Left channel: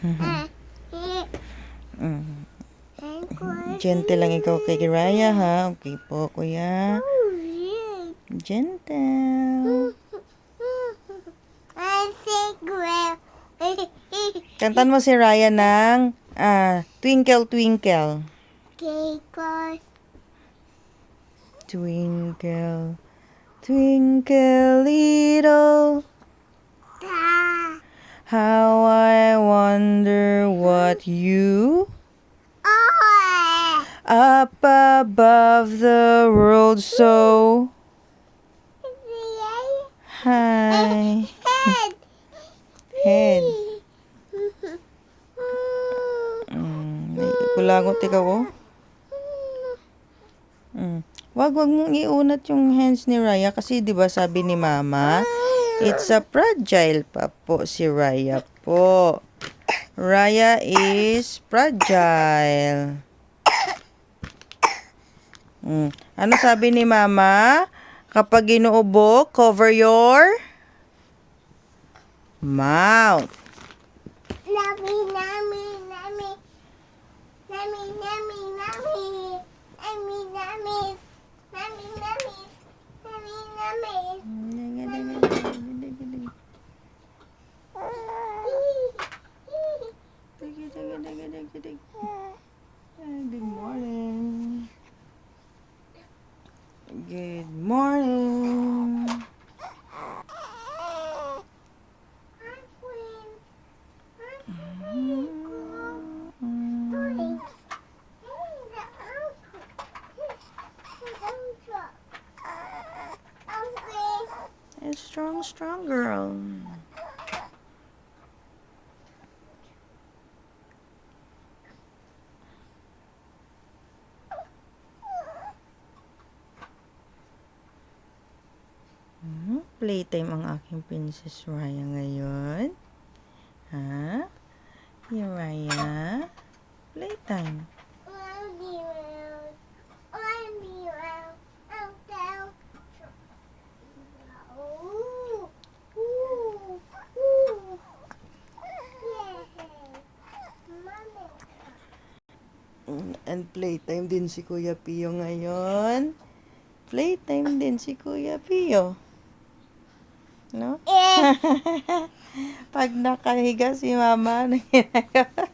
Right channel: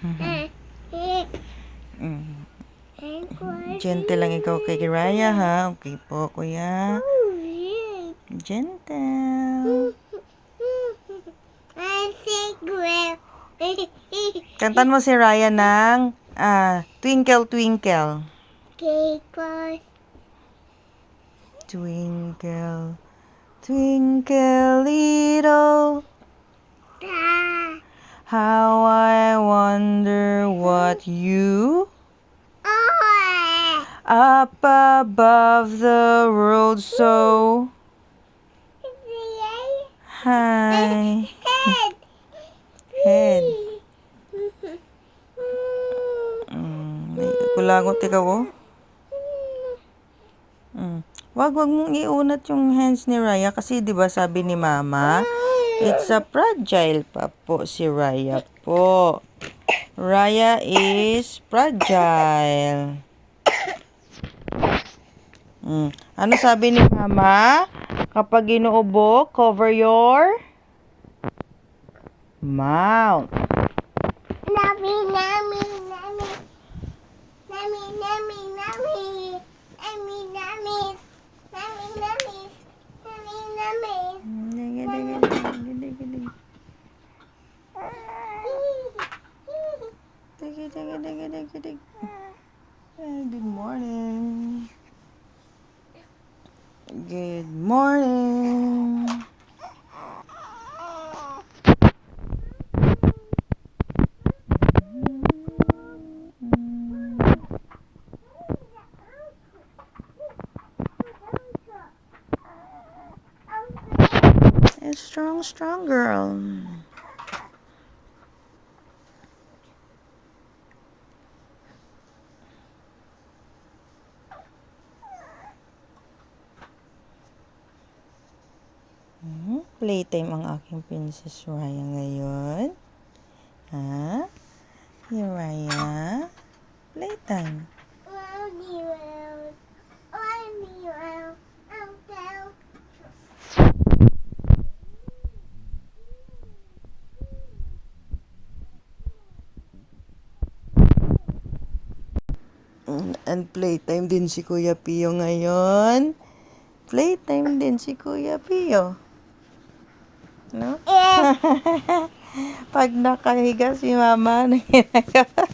Mm. Gentle lang ikaw kay Raya, ha? Okay po, kuya. Gentle. Kantan mo si Raya ng Twinkle, Twinkle. Twinkle, twinkle little, how I wonder what you up above the world so high. Head. Kulagot ikaw, oh. Wag mong iunat yung hands ni Raya kasi 'di ba sabi ni Mama, it's a fragile pa po si Raya po. Raya is fragile. Ano sabi ni Mama? Kapag inuubo, cover your mouth. Good morning. Good morning. A strong girl. Playtime ang aking Princess Raya ngayon. Ha? Here, Raya. Playtime. And playtime din si Kuya Pio ngayon. Playtime din si Kuya Pio. No? Pag nakahiga si Mama, ano ginagawa?